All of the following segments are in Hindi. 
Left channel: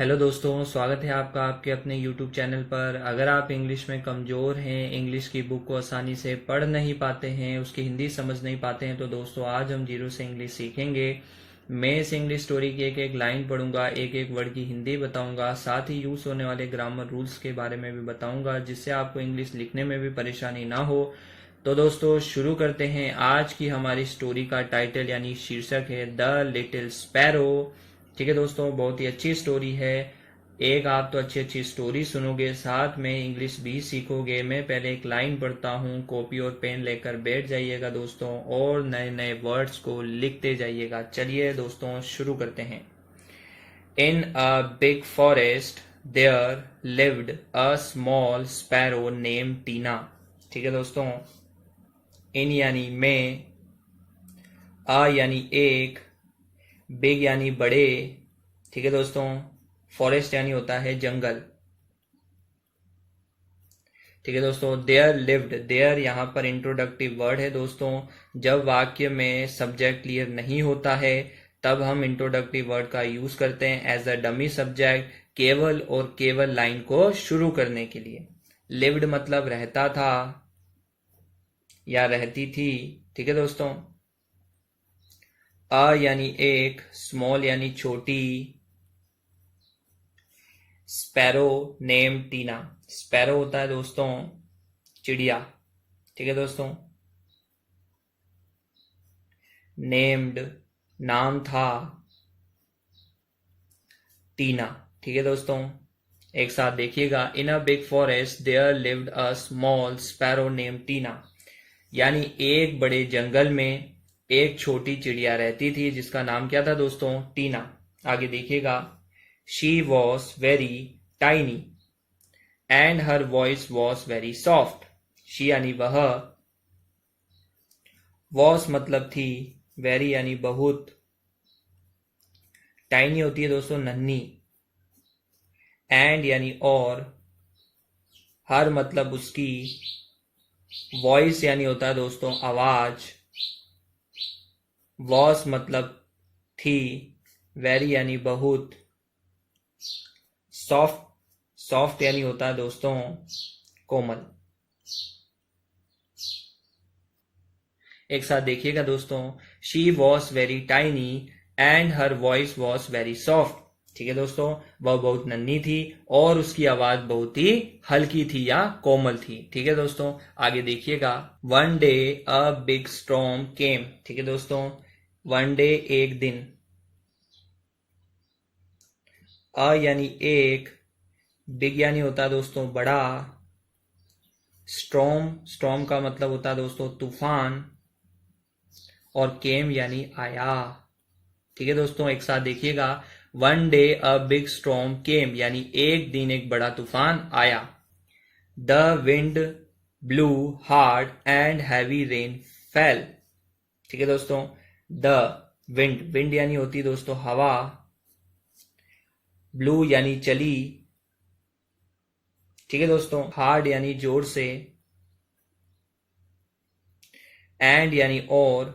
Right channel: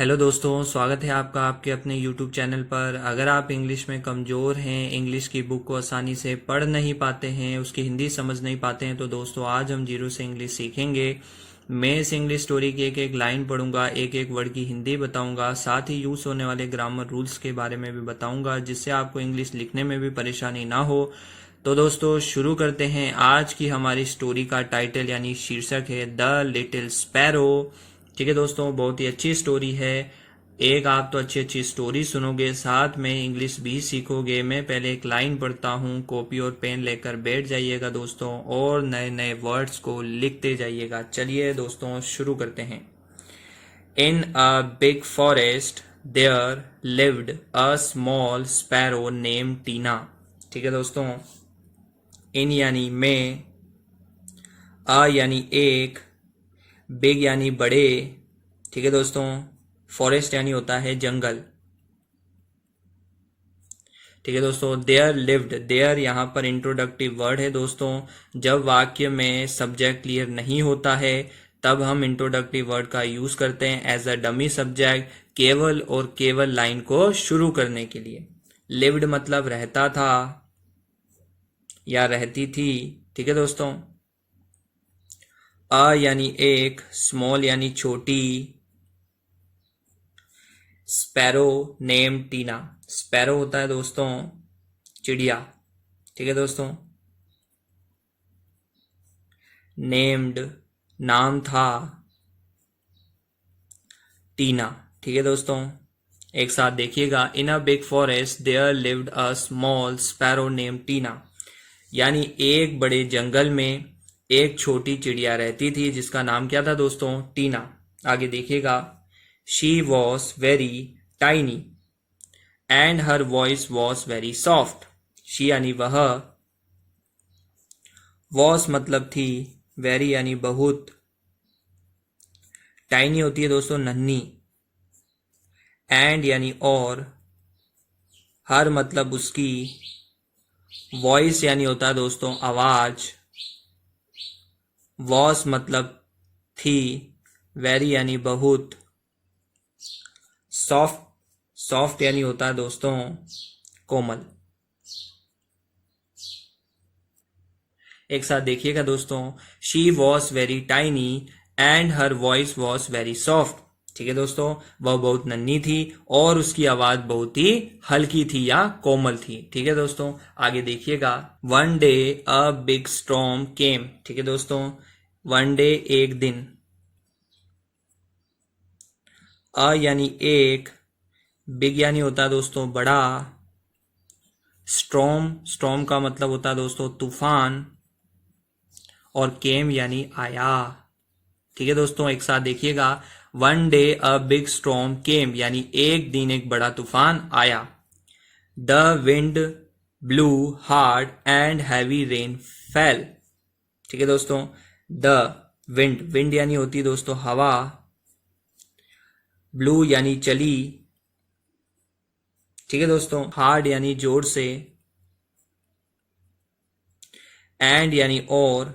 हेलो दोस्तों, स्वागत है आपका आपके अपने यूट्यूब चैनल पर। अगर आप इंग्लिश में कमज़ोर हैं, इंग्लिश की बुक को आसानी से पढ़ नहीं पाते हैं, उसकी हिंदी समझ नहीं पाते हैं, तो दोस्तों आज हम जीरो से इंग्लिश सीखेंगे। मैं इस इंग्लिश स्टोरी की एक एक लाइन पढ़ूंगा, एक एक वर्ड की हिंदी बताऊंगा, साथ ही यूज़ होने वाले ग्रामर रूल्स के बारे में भी बताऊंगा, जिससे आपको इंग्लिश लिखने में भी परेशानी ना हो। तो दोस्तों शुरू करते हैं। आज की हमारी स्टोरी का टाइटल यानी शीर्षक है द लिटिल स्पैरो। ठीक है दोस्तों, बहुत ही अच्छी स्टोरी है। एक आप तो अच्छी अच्छी स्टोरी सुनोगे, साथ में इंग्लिश भी सीखोगे। मैं पहले एक लाइन पढ़ता हूँ, कॉपी और पेन लेकर बैठ जाइएगा दोस्तों, और नए नए वर्ड्स को लिखते जाइएगा। चलिए दोस्तों शुरू करते हैं। In a big forest there lived a small sparrow name Tina. ठीक है दोस्तों, इन यानी में, अ यानी एक, बिग यानी बड़े, ठीक है दोस्तों, फॉरेस्ट यानी होता है जंगल। ठीक है दोस्तों, देयर लिव्ड, देयर यहाँ पर इंट्रोडक्टिव वर्ड है दोस्तों। जब वाक्य में सब्जेक्ट क्लियर नहीं होता है तब हम इंट्रोडक्टिव वर्ड का यूज करते हैं एज अ डमी सब्जेक्ट, केवल और केवल लाइन को शुरू करने के लिए। लिव्ड मतलब रहता था या रहती थी। ठीक है दोस्तों, अ यानी एक, स्मॉल यानी छोटी, स्पैरो नेम टीना। स्पैरो होता है दोस्तों चिड़िया। ठीक है दोस्तों, नेम्ड नाम था, टीना। ठीक है दोस्तों, एक साथ देखिएगा। In a big forest there lived a small sparrow name Tina, यानी एक बड़े जंगल में एक छोटी चिड़िया रहती थी जिसका नाम क्या था दोस्तों? टीना। आगे देखिएगा। She was very tiny and her voice was very soft. She यानी वह, वॉस मतलब थी, वेरी यानी बहुत, टाइनी होती है दोस्तों नन्ही, एंड यानी और, हर मतलब उसकी, वॉइस यानी होता है दोस्तों आवाज, वॉस मतलब थी, वेरी यानी बहुत, सॉफ्ट, सॉफ्ट यानी होता है दोस्तों कोमल। एक साथ देखिएगा दोस्तों। She was very tiny and her voice was very soft. ठीक है दोस्तों, वह बहुत नन्ही थी और उसकी आवाज बहुत ही हल्की थी या कोमल थी। ठीक है दोस्तों, आगे देखिएगा। One day a big storm came. ठीक है दोस्तों, वन डे एक दिन, अ यानी एक, बिग यानी होता है दोस्तों बड़ा, स्टॉर्म, स्टॉर्म का मतलब होता है दोस्तों तूफान, और केम यानी आया। ठीक है दोस्तों, एक साथ देखिएगा। One day a big storm came, यानी एक दिन एक बड़ा तूफान आया। The wind blew hard and heavy rain fell. ठीक है दोस्तों, द विंड, विंड यानी होती है दोस्तों हवा, ब्लू यानी चली, ठीक है दोस्तों, हार्ड यानी जोर से, एंड यानी और,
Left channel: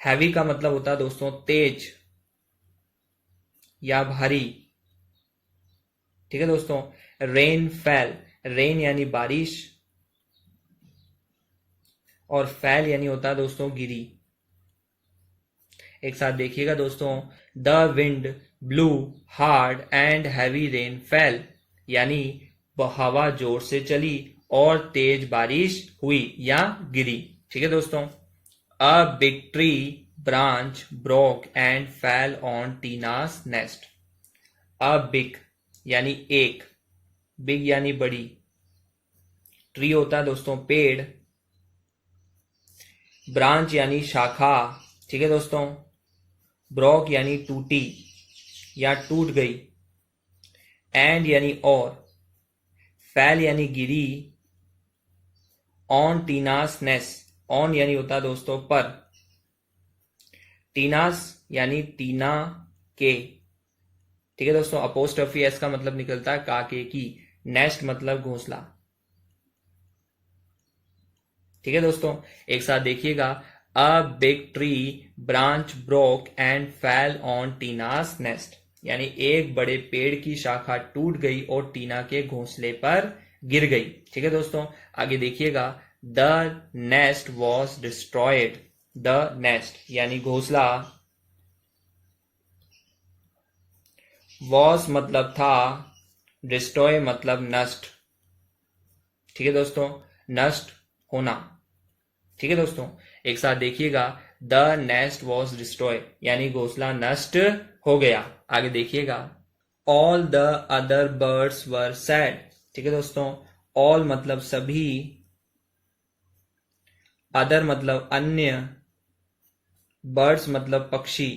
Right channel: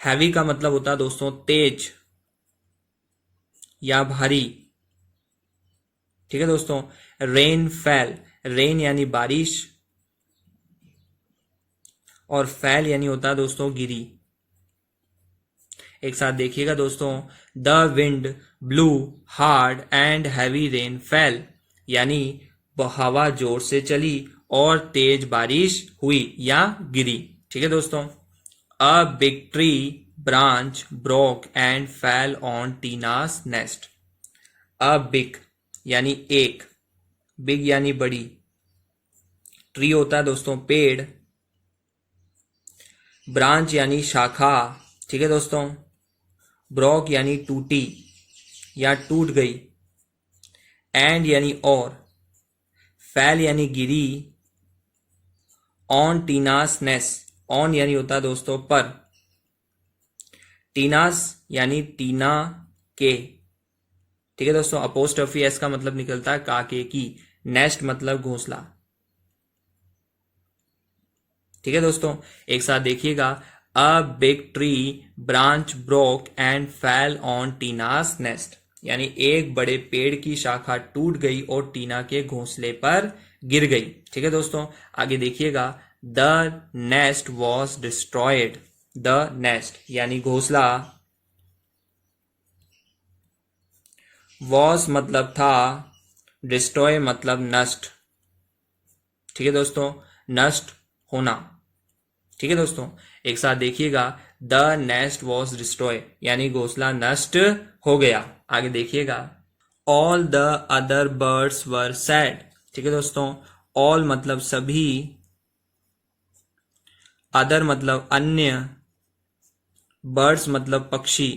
हैवी का मतलब होता है दोस्तों तेज या भारी। ठीक है दोस्तों, रेन फेल, रेन यानी बारिश, और फैल यानी होता है दोस्तों गिरी। एक साथ देखिएगा दोस्तों। The wind blew hard and heavy rain fail, यानी हवा जोर से चली और तेज बारिश हुई या गिरी। ठीक है दोस्तों, a big tree branch broke and fell on टीनास nest. A big यानी एक, बिग यानी बड़ी, ट्री होता है दोस्तों पेड़, ब्रांच यानी शाखा। ठीक है दोस्तों, ब्रोक यानी टूटी या टूट गई, एंड यानी और, फैल यानी गिरी, ऑन टीनास नेस, ऑन यानी होता है दोस्तों पर, टीनास यानी टीना के। ठीक है दोस्तों, अपोस्ट्रोफी एस का मतलब निकलता है काके की, नेस्ट मतलब घोंसला। ठीक है दोस्तों, एक साथ देखिएगा। A big tree branch broke and fell on टीनास nest, यानी एक बड़े पेड़ की शाखा टूट गई और टीना के घोंसले पर गिर गई। ठीक है दोस्तों, आगे देखिएगा, the nest was destroyed. The nest यानी घोंसला, वॉज मतलब था, डिस्ट्रॉय मतलब नष्ट। ठीक है दोस्तों, नष्ट होना। ठीक है दोस्तों, एक साथ देखिएगा, द नेस्ट वॉज डिस्ट्रॉय यानी घोंसला नष्ट हो गया। आगे देखिएगा, all the other birds were sad. ठीक है दोस्तों, ऑल मतलब सभी, अदर मतलब अन्य, बर्ड्स मतलब पक्षी।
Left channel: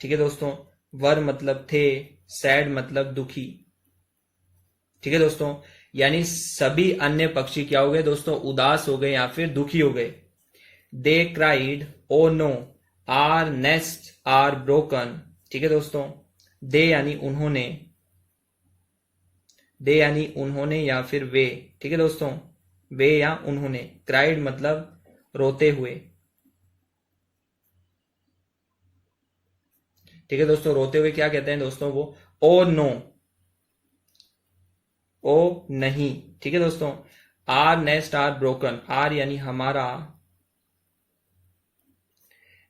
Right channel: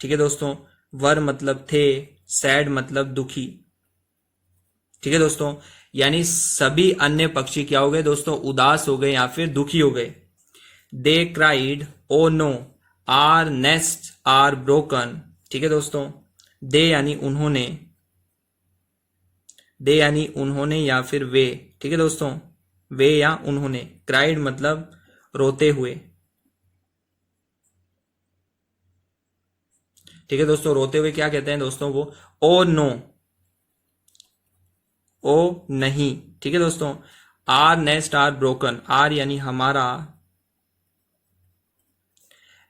ठीक है दोस्तों, वर मतलब थे, सैड मतलब दुखी। ठीक है दोस्तों, यानी सभी अन्य पक्षी क्या हो गए दोस्तों, उदास हो गए या फिर दुखी हो गए। They cried oh no our nest are broken. ठीक है दोस्तों, दे यानी उन्होंने, दे यानी उन्होंने या फिर वे। ठीक है दोस्तों, वे या उन्होंने। क्राइड मतलब रोते हुए। ठीक है दोस्तों, रोते हुए क्या कहते हैं दोस्तों को, ओ नो, ओ नहीं। ठीक है दोस्तों, our nest are broken, our यानी हमारा,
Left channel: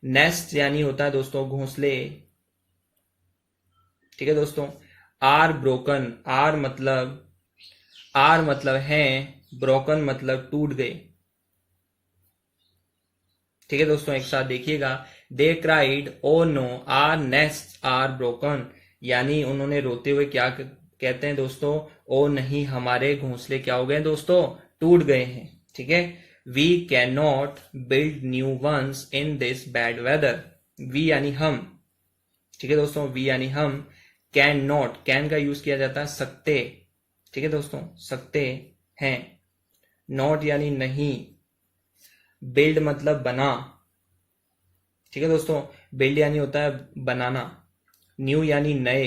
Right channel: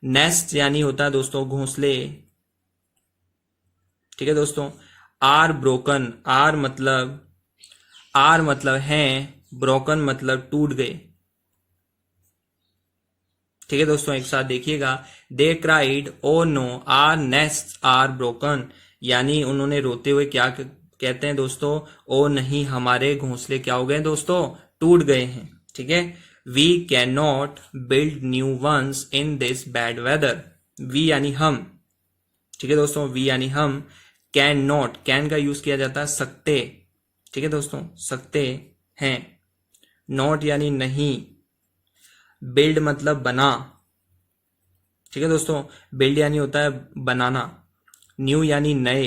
नेस्ट यानी होता है दोस्तों घोंसले। ठीक है दोस्तों, आर ब्रोकन, आर मतलब हैं, ब्रोकन मतलब टूट गए। ठीक है दोस्तों, एक साथ देखिएगा, they cried oh no our nest are broken, यानी उन्होंने रोते हुए क्या कहते हैं दोस्तों, ओ नहीं हमारे घोंसले क्या हो गए दोस्तों, टूट गए हैं। ठीक है, we can not build new ones in this bad weather. We यानी हम। ठीक है दोस्तों, वी यानी हम, कैन नॉट, कैन का यूज किया जाता है सकते। ठीक है दोस्तों, सकते हैं। नॉट यानी नहीं, बिल्ड मतलब बना। ठीक है दोस्तों, बिल्ड यानी होता है बनाना, न्यू यानी नए,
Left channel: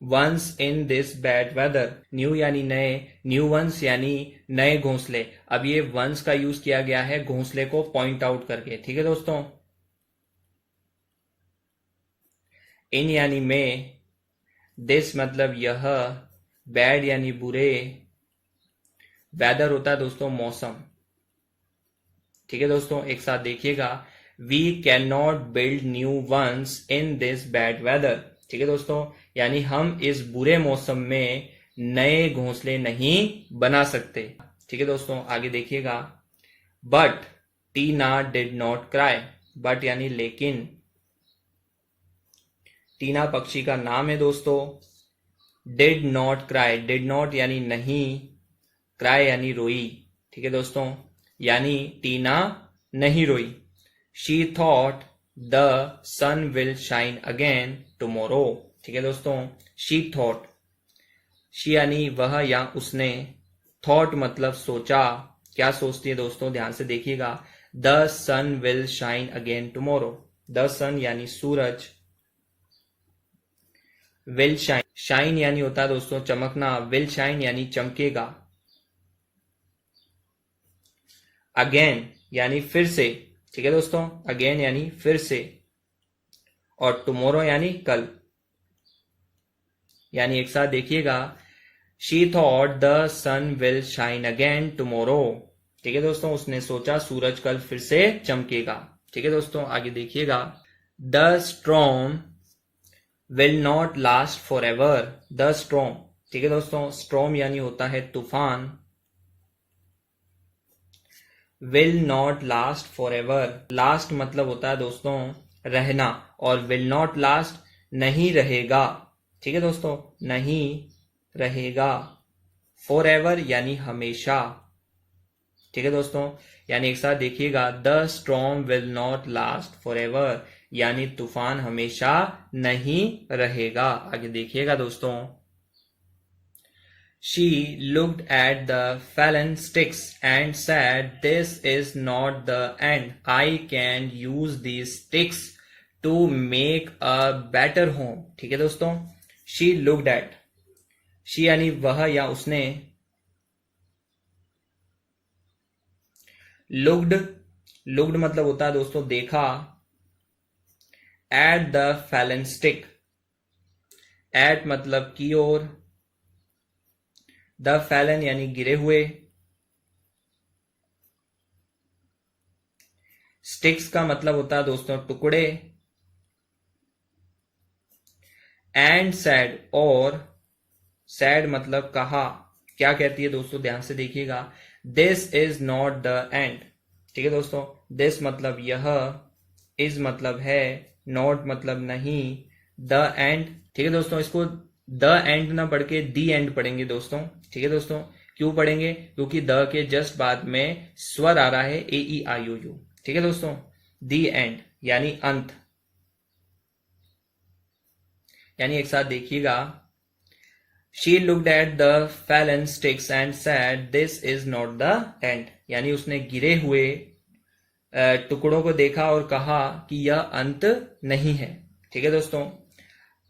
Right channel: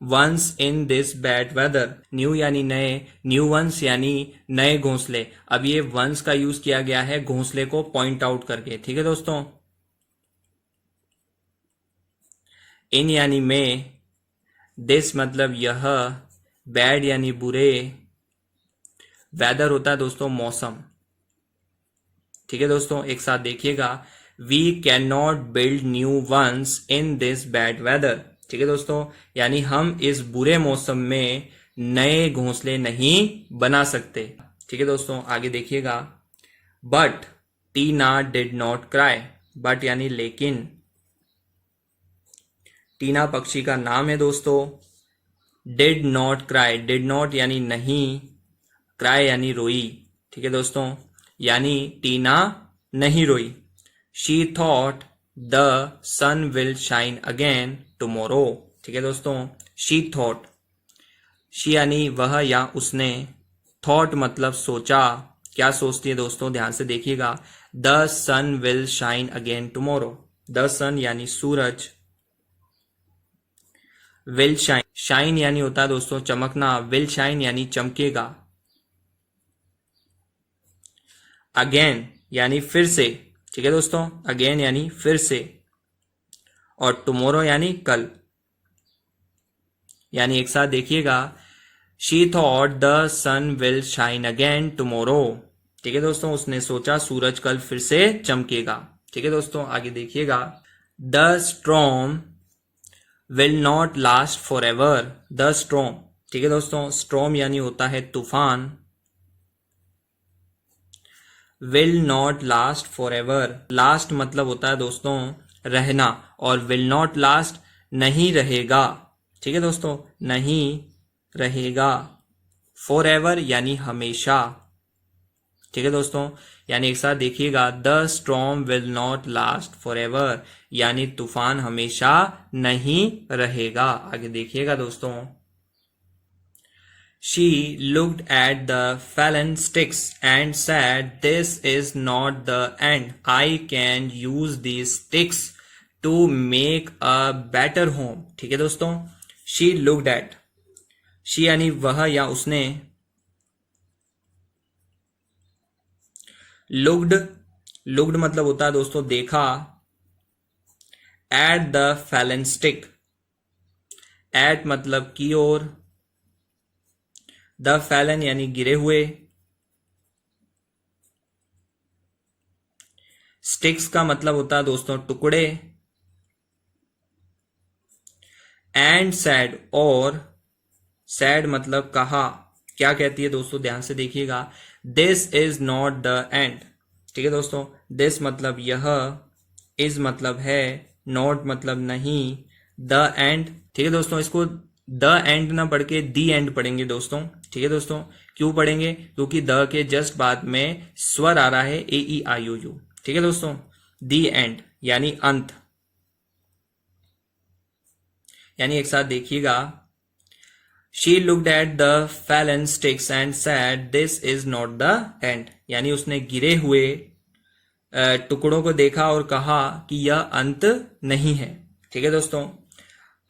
ones in this bad weather, new यानी नए, न्यू वंस यानी नए घोंसले। अब ये वंस का यूज किया गया है घोंसले को पॉइंट आउट करके। ठीक है दोस्तों, इन यानी में, दिस मतलब यह, बैड यानी बुरे, वेदर होता है दोस्तों मौसम। ठीक है दोस्तों, एक साथ देखिएगा, we can not build new ones in this bad weather. ठीक है दोस्तों, यानी हम इस बुरे मौसम में नए घोंसले नहीं बना सकते। ठीक है दोस्तों, आगे देखिएगा, but Tina did not cry. But यानी लेकिन, टीना पक्षी का नाम है दोस्तों। Did not cry, did not यानी नहीं, क्राई यानी रोई। ठीक है दोस्तों, यानी टीना नहीं रोई। She thought the sun will shine again tomorrow. ठीक है दोस्तों, शी थॉट, शी यानी वह या उसने, थॉट मतलब सोचा। क्या सोचती है दोस्तों, ध्यान से देखिएगा, the sun will shine again tomorrow. The sun यानी सूरज, विल शाइन, शाइन यानी होता है दोस्तों चमकना, विल शाइन यानी चमकेगा। अगेन यानी फिर से। ठीक है दोस्तों, अगेन यानी फिर से, और टुमारो यानी कल। यानी एक साथ देखिएगा, she thought the sun will shine again tomorrow. ठीक है दोस्तों, उसने सोचा सूरज कल फिर से चमकेगा। ठीक है दोस्तों, आगे देखिएगा, the storm will not last for ever. The storm, ठीक है दोस्तों, स्ट्रॉम यानी होता है तूफान, will not last for ever, last मतलब होता है दोस्तों रहना, और विल नॉट लास्ट नहीं रहेगा। ठीक है दोस्तों, नहीं रहेगा। फॉर एवर यानी हमेशा। ठीक है दोस्तों, यानी एक साथ देखिएगा, the storm will not last for ever, यानी तूफान हमेशा नहीं रहेगा। आगे देखिएगा दोस्तों, she looked at the fallen sticks and said, this is not the end. I can use these sticks to make a better home. ठीक है दोस्तों, she looked at, she यानी वह या उसने, looked, looked मतलब होता है दोस्तों देखा, at the fallen stick, at मतलब की ओर, द फैलन यानी गिरे हुए, स्टिक्स का मतलब होता है दोस्तों टुकड़े, एंड सैड और सैड मतलब कहा, क्या कहती है दोस्तों ध्यान से देखिएगा, this is not the end. ठीक है दोस्तों, दिस मतलब यह, इज मतलब है, नॉट मतलब नहीं, द एंड। ठीक है दोस्तों, इसको द एंड ना पढ़ के दी एंड पढ़ेंगे दोस्तों। ठीक है दोस्तों, क्यों पढ़ेंगे, क्योंकि द के जस्ट बाद में स्वर आ रहा है ए ई आई ओ यू। ठीक है दोस्तों, दी एंड यानी अंत, यानी एक साथ देखिएगा, she looked at the Fallon sticks and sad this is not the end, यानी उसने गिरे हुए टुकड़ों को देखा और कहा कि यह अंत नहीं है। ठीक है दोस्तों,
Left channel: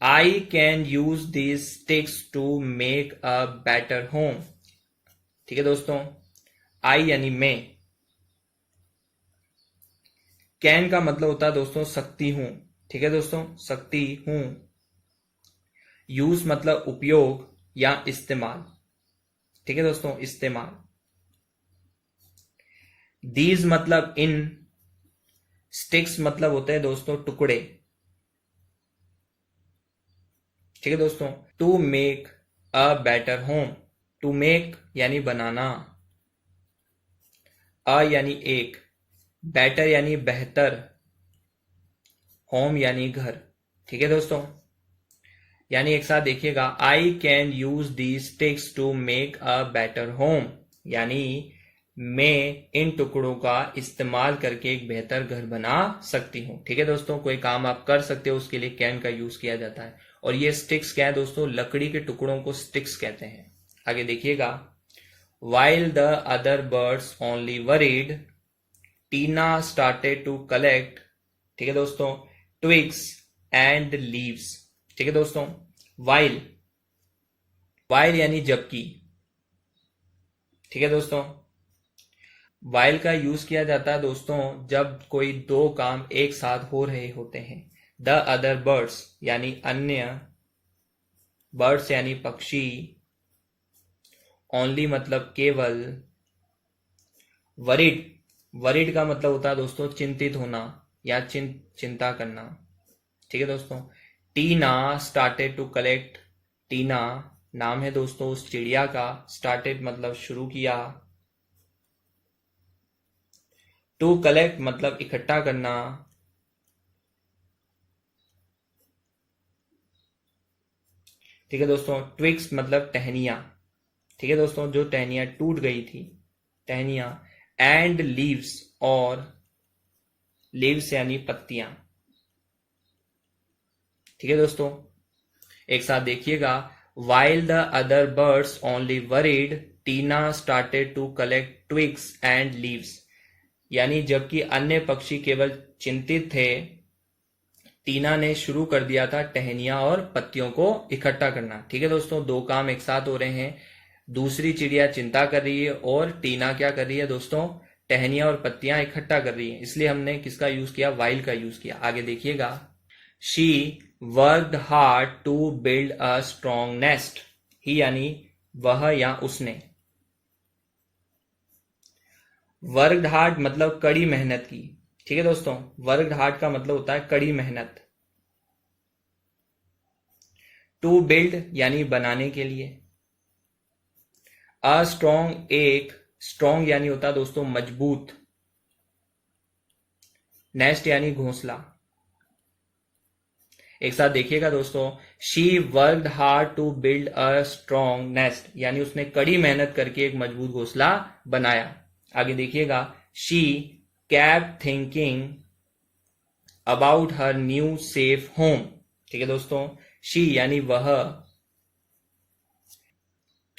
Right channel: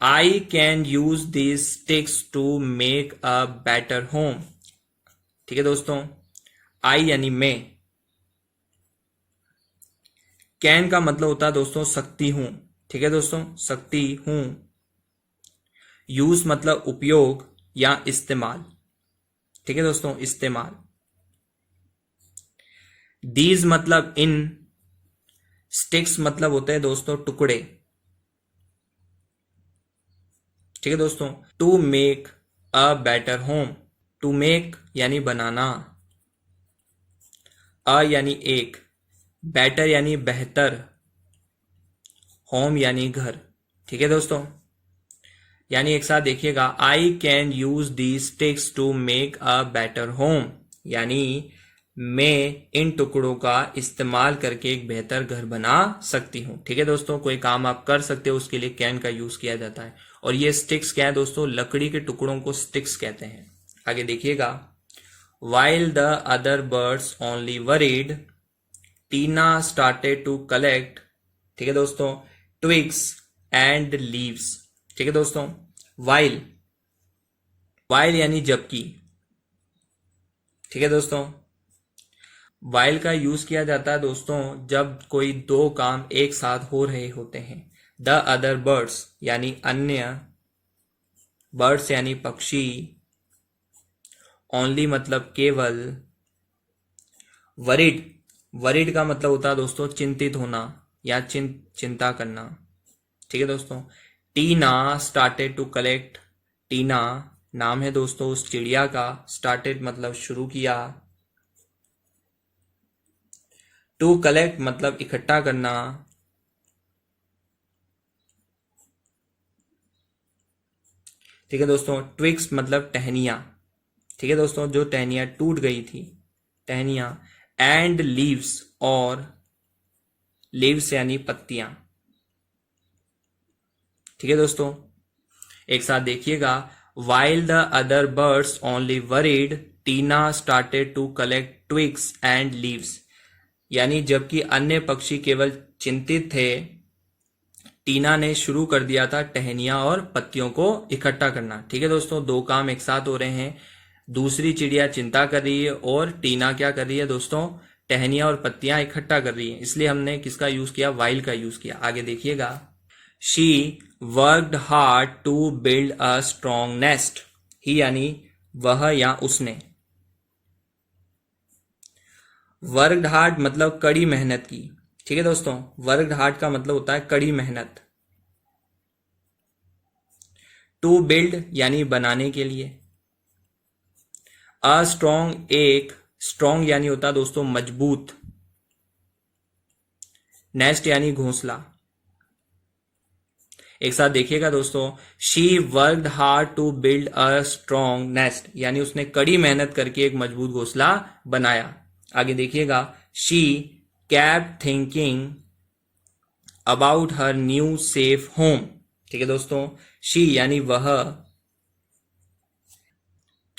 I can use these sticks to make a better home. ठीक है दोस्तों, आई यानी मैं, कैन का मतलब होता है दोस्तों सकती हूं। ठीक है दोस्तों, सकती हूं। यूज मतलब उपयोग या इस्तेमाल। ठीक है दोस्तों, इस्तेमाल। दीज मतलब इन, स्टिक्स मतलब होते हैं दोस्तों टुकड़े। ठीक है दोस्तों, to make a better home, to make यानी बनाना, अ यानी एक, बेटर यानी बेहतर, होम यानी घर। ठीक है दोस्तों, यानी एक साथ देखिएगा, I can use the sticks to make a better home, यानी मैं इन टुकड़ों का इस्तेमाल करके एक बेहतर घर बना सकती हूं। ठीक है दोस्तों, कोई काम आप कर सकते हो उसके लिए कैन का यूज किया जाता है। और ये स्टिक्स क्या है दोस्तों, लकड़ी के टुकड़ों को स्टिक्स कहते हैं। आगे देखिएगा, while the other birds only worried, Tina started to collect. ठीक है दोस्तों, ट्विग्स एंड लीव्स। ठीक है दोस्तों, वाइल, वाइल यानी जबकि। ठीक है दोस्तों, वाइल का यूज किया जाता है दोस्तों जब कोई दो काम एक साथ हो रहे होते हैं। द अदर बर्ड्स यानी अन्य, बर्ड्स यानी पक्षी, ओनली मतलब केवल, वरिड, वरिड का मतलब होता है दोस्तों चिंतित होना या चिंता करना। ठीक है दोस्तों, टीना स्टार्टेड टू कलेक्ट, टीना नाम है दोस्तों उस चिड़िया का, स्टार्टेड मतलब शुरू किया, टू कलेक्ट मतलब इकट्ठा करना, ठीक है दोस्तों, ट्विक्स मतलब टहनियां। ठीक है दोस्तों, जो टहनियां टूट गई थी, टहनियां, एंड लीव्स और लीव्स यानी पत्तियां। ठीक है दोस्तों, एक साथ देखिएगा, while the other birds only worried, Tina started to collect twigs and leaves, यानी जबकि अन्य पक्षी केवल चिंतित थे, टीना ने शुरू कर दिया था टहनियां और पत्तियों को इकट्ठा करना। ठीक है दोस्तों, दो काम एक साथ हो रहे हैं, दूसरी चिड़िया चिंता कर रही है और टीना क्या कर रही है दोस्तों, टहनियां और पत्तियां इकट्ठा कर रही है, इसलिए हमने किसका यूज किया, वाइल का यूज किया। आगे देखिएगा, she worked hard to build a strong nest, he यानी वह या उसने, वर्कड हार्ड मतलब कड़ी मेहनत की। ठीक है दोस्तों, वर्कड हार्ड का मतलब होता है कड़ी मेहनत। टू बिल्ड यानी बनाने के लिए, अ स्ट्रॉन्ग एक, स्ट्रॉन्ग यानी होता है दोस्तों मजबूत, नेस्ट यानी घोंसला। एक साथ देखिएगा दोस्तों, she worked hard to build a strong nest, यानी उसने कड़ी मेहनत करके एक मजबूत घोंसला बनाया। आगे देखिएगा, she kept thinking about her new safe home. ठीक है दोस्तों, शी यानी वह,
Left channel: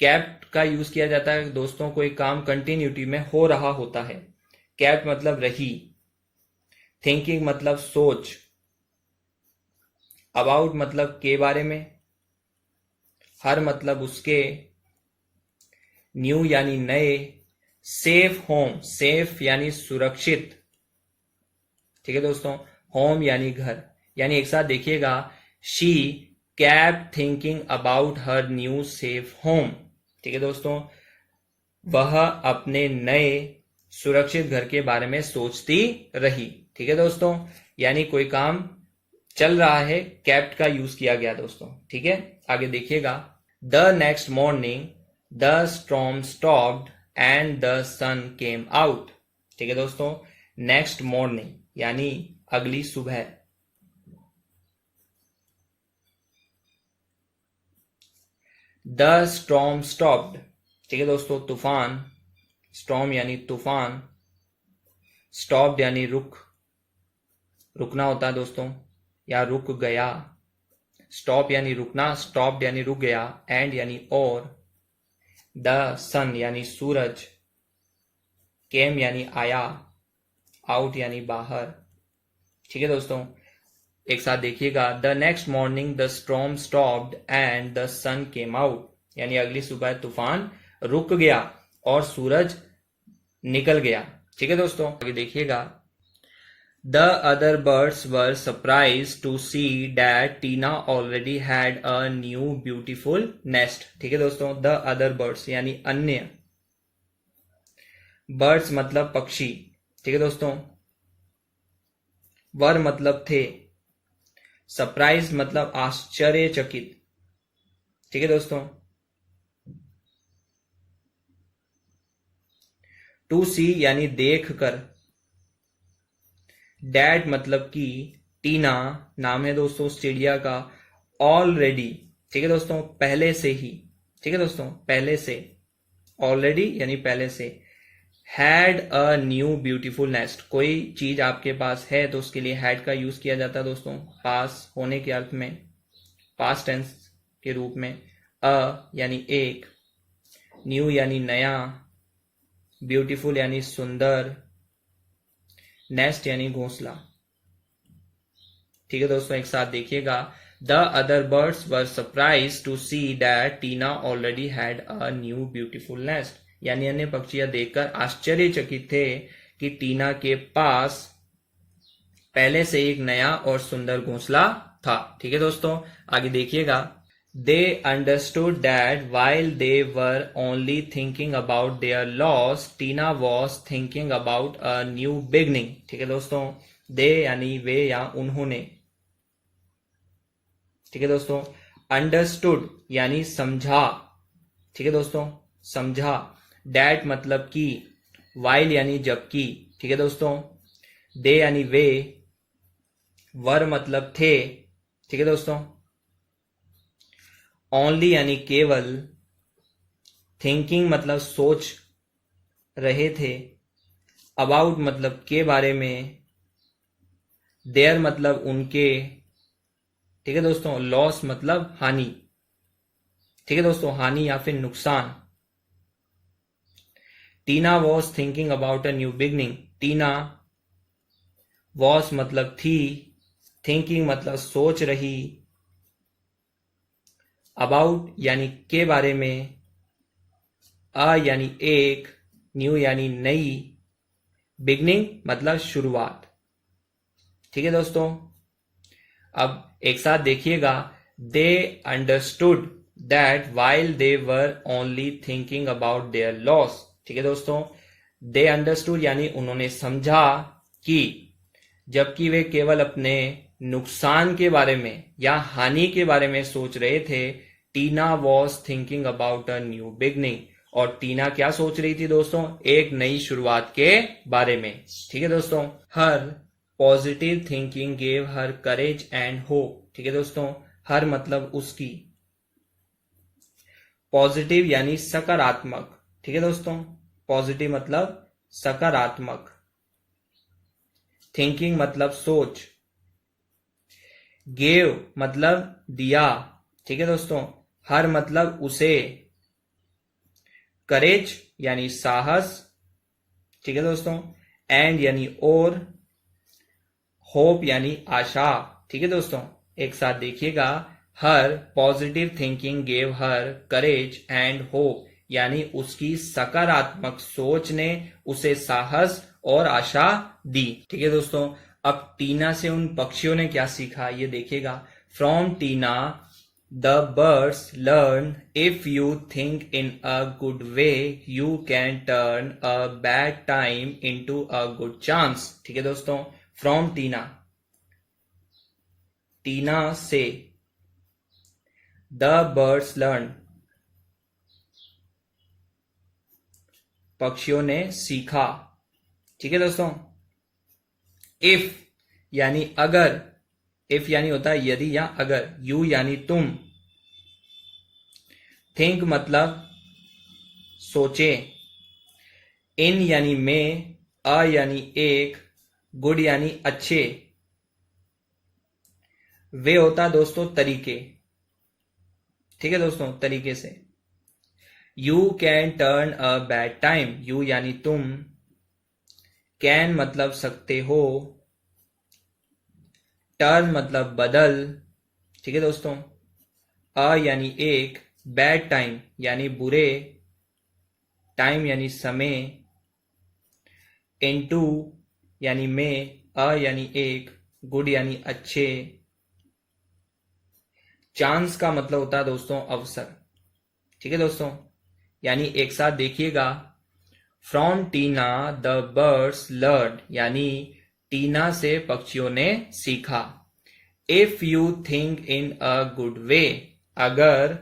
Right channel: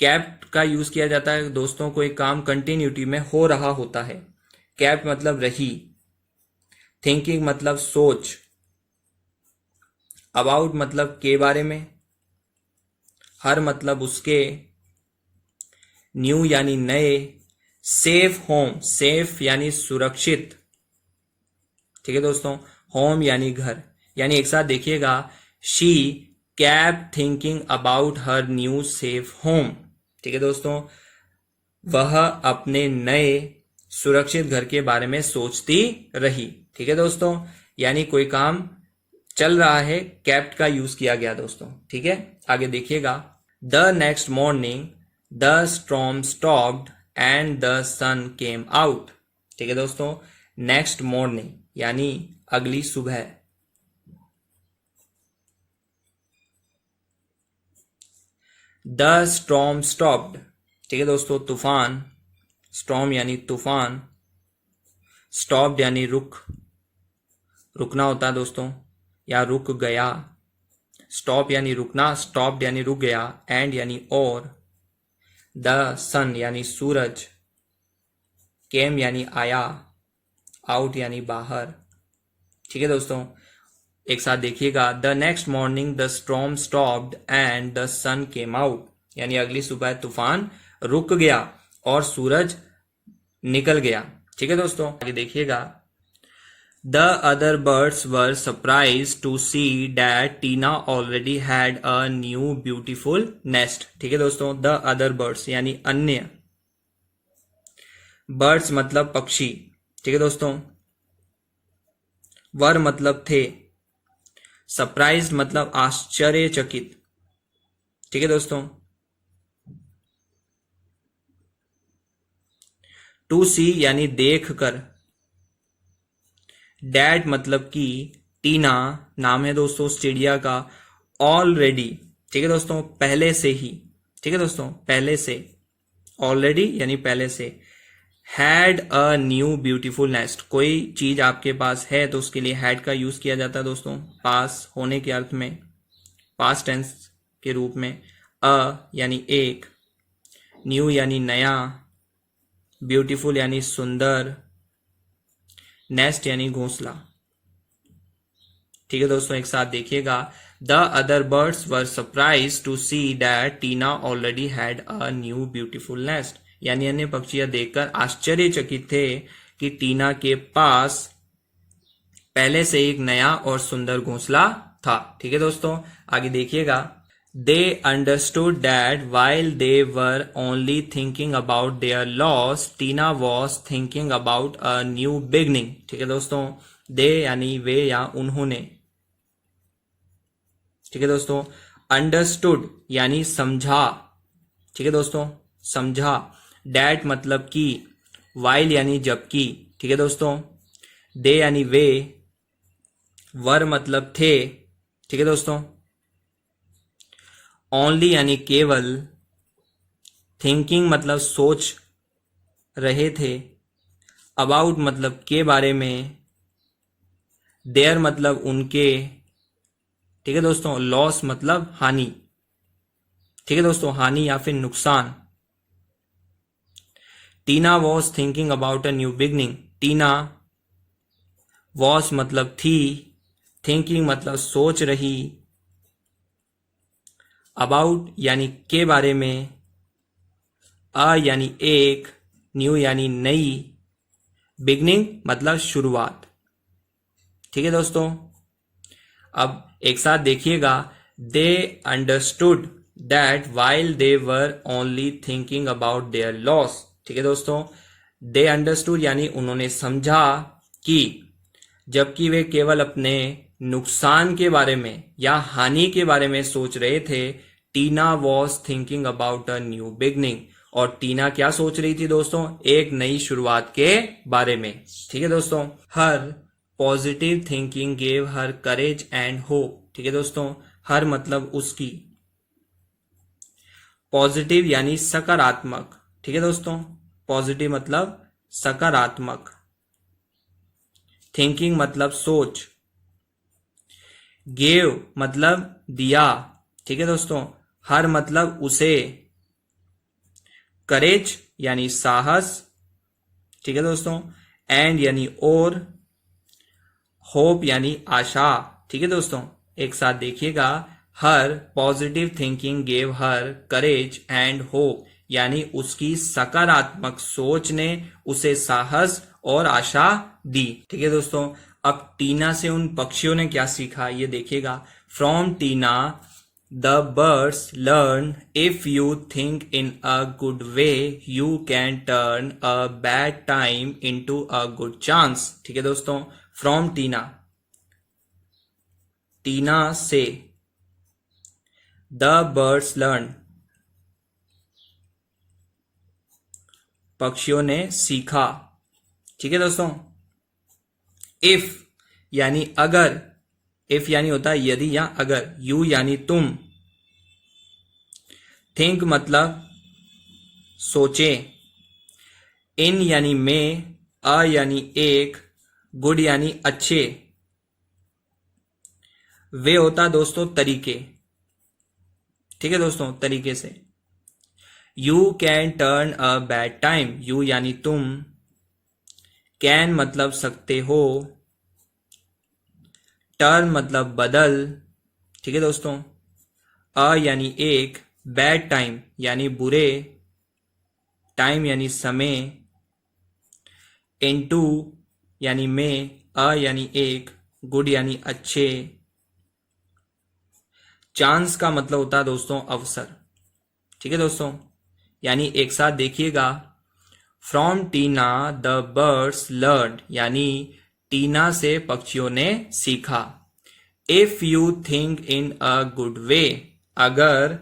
कैप्ट का यूज किया जाता है दोस्तों कोई काम कंटिन्यूटी में हो रहा होता है। कैप्ट मतलब रही, थिंकिंग मतलब सोच, अबाउट मतलब के बारे में, हर मतलब उसके, न्यू यानी नए, सेफ होम, सेफ यानी सुरक्षित। ठीक है दोस्तों, होम यानी घर, यानी एक साथ देखिएगा, she kept thinking about her new safe home। ठीक है दोस्तों, वह अपने नए सुरक्षित घर के बारे में सोचती रही। ठीक है दोस्तों, यानी कोई काम चल रहा है, kept का यूज किया गया दोस्तों। ठीक है, आगे देखिएगा, the next morning the storm stopped and the sun came out. ठीक है दोस्तों, नेक्स्ट मॉर्निंग यानी अगली सुबह, द स्टॉर्म स्टॉप्ड। ठीक है दोस्तों, तूफान, स्टॉर्म यानी तूफान, स्टॉप्ड यानी रुकना होता है दोस्तों, या रुक गया। स्टॉप यानी रुकना, स्टॉप्ड यानी रुक गया, एंड यानी और, द सन यानी सूरज, केम यानी आया, आउट यानी बाहर। ठीक है दोस्तों, एक साथ देखिएगा, the next morning the storm stopped and the sun came out, यानी अगली सुबह तूफान रुक गया और सूरज निकल गया। ठीक है दोस्तों, आगे देखिएगा, the other birds were surprised to see that Tina already had a new beautiful nest. ठीक है दोस्तों, द अदर बर्ड्स यानी अन्य, बर्ड्स मतलब पक्षी। ठीक है दोस्तों, वर मतलब थे, सरप्राइज मतलब आश्चर्यचकित। ठीक है दोस्तों, टू सी यानी देख कर, डैड मतलब कि टीना नाम है दोस्तों उस चिड़िया का, ऑलरेडी। ठीक है दोस्तों, पहले से ही। ठीक है दोस्तों, पहले से, ऑलरेडी यानी पहले से, had a new beautiful nest, कोई चीज आपके पास है तो उसके लिए हैड का यूज किया जाता है दोस्तों, पास होने के अर्थ में, पास्ट टेंस के रूप में। अ यानी एक, न्यू यानी नया, ब्यूटीफुल यानी सुंदर, नेस्ट यानी घोंसला। ठीक है दोस्तों, एक साथ देखिएगा, the other birds were surprised to see that Tina already had a new beautiful nest, यानी अन्य पक्षियां देखकर आश्चर्यचकित थे कि टीना के पास पहले से एक नया और सुंदर घोंसला था। ठीक है दोस्तों, आगे देखिएगा, they understood that while they were only thinking about their loss Tina was thinking about a new beginning. ठीक है दोस्तों, दे यानी वे या उन्होंने। ठीक है दोस्तों, अंडरस्टूड यानी समझा। ठीक है दोस्तों, समझा, डैट मतलब कि, वाइल यानी जबकि। ठीक है दोस्तों, दे यानी वे, वर मतलब थे। ठीक है दोस्तों, ओनली यानी केवल, थिंकिंग मतलब सोच रहे थे, अबाउट मतलब के बारे में, देयर मतलब उनके। ठीक है दोस्तों, लॉस मतलब हानि। ठीक है दोस्तों, हानि या फिर नुकसान। Tina was thinking about a new beginning, Tina was मतलब थी, थिंकिंग मतलब सोच रही, अबाउट यानी के बारे में, अ यानी एक, न्यू यानी नई, बिगनिंग मतलब शुरुआत। ठीक है दोस्तों, अब एक साथ देखिएगा, they understood that while they were only thinking about their loss. ठीक है दोस्तों, दे अंडरस्टूड यानी उन्होंने समझा कि, जबकि वे केवल अपने नुकसान के बारे में या हानि के बारे में सोच रहे थे, Tina was thinking about a new beginning, और टीना क्या सोच रही थी दोस्तों, एक नई शुरुआत के बारे में। ठीक है दोस्तों, her positive thinking gave her courage and hope. ठीक है दोस्तों, हर मतलब उसकी, पॉजिटिव यानी सकारात्मक। ठीक है दोस्तों, पॉजिटिव मतलब सकारात्मक, थिंकिंग मतलब सोच, गेव मतलब दिया। ठीक है दोस्तों, हर मतलब उसे, करेज यानी साहस। ठीक है दोस्तों, एंड यानी और, होप यानी आशा। ठीक है दोस्तों, एक साथ देखिएगा, her positive thinking gave her courage and hope, यानी उसकी सकारात्मक सोच ने उसे साहस और आशा दी। ठीक है दोस्तों, अब टीना से उन पक्षियों ने क्या सीखा ये देखिएगा। From Tina the birds learn if you think in a good way you can turn a bad time into a good chance. ठीक है दोस्तों, फ्रॉम टीना, टीना से, द बर्ड्स लर्न, पक्षियों ने सीखा। ठीक है दोस्तों, इफ यानी अगर, इफ यानी होता है यदि या अगर, यू यानी तुम, थिंक मतलब सोचे, इन यानी में, अ यानी एक, गुड यानी अच्छे, वे होता दोस्तों तरीके। ठीक है दोस्तों, तरीके से। You can turn a bad time, you यानी तुम, कैन मतलब सकते हो, टर्न मतलब बदल। ठीक है दोस्तों, अ यानी एक, बैड टाइम यानी बुरे, टाइम यानी समय, इनटू यानी में, अ यानी एक, गुड यानी अच्छे, चांस का मतलब होता है दोस्तों अवसर। ठीक है दोस्तों, यानी एक साथ देखिएगा। From Tina the birds learn, यानी टीना से पक्षियों ने सीखा। If you think in a good way, अगर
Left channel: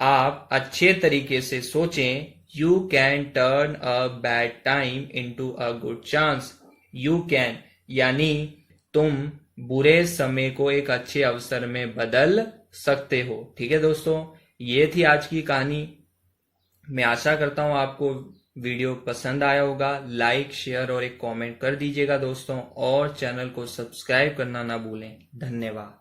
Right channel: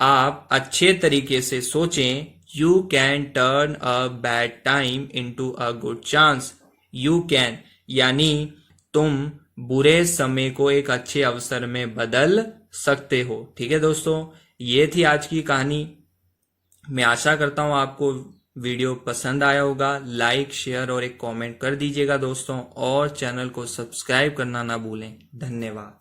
आप अच्छे तरीके से सोचें, you can turn a bad time into a good chance. You can यानी तुम बुरे समय को एक अच्छे अवसर में बदल सकते हो। ठीक है दोस्तों, ये थी आज की कहानी। मैं आशा करता हूं आपको वीडियो पसंद आया होगा। लाइक, शेयर और एक कमेंट कर दीजिएगा दोस्तों, और चैनल को सब्सक्राइब करना ना भूलें। धन्यवाद।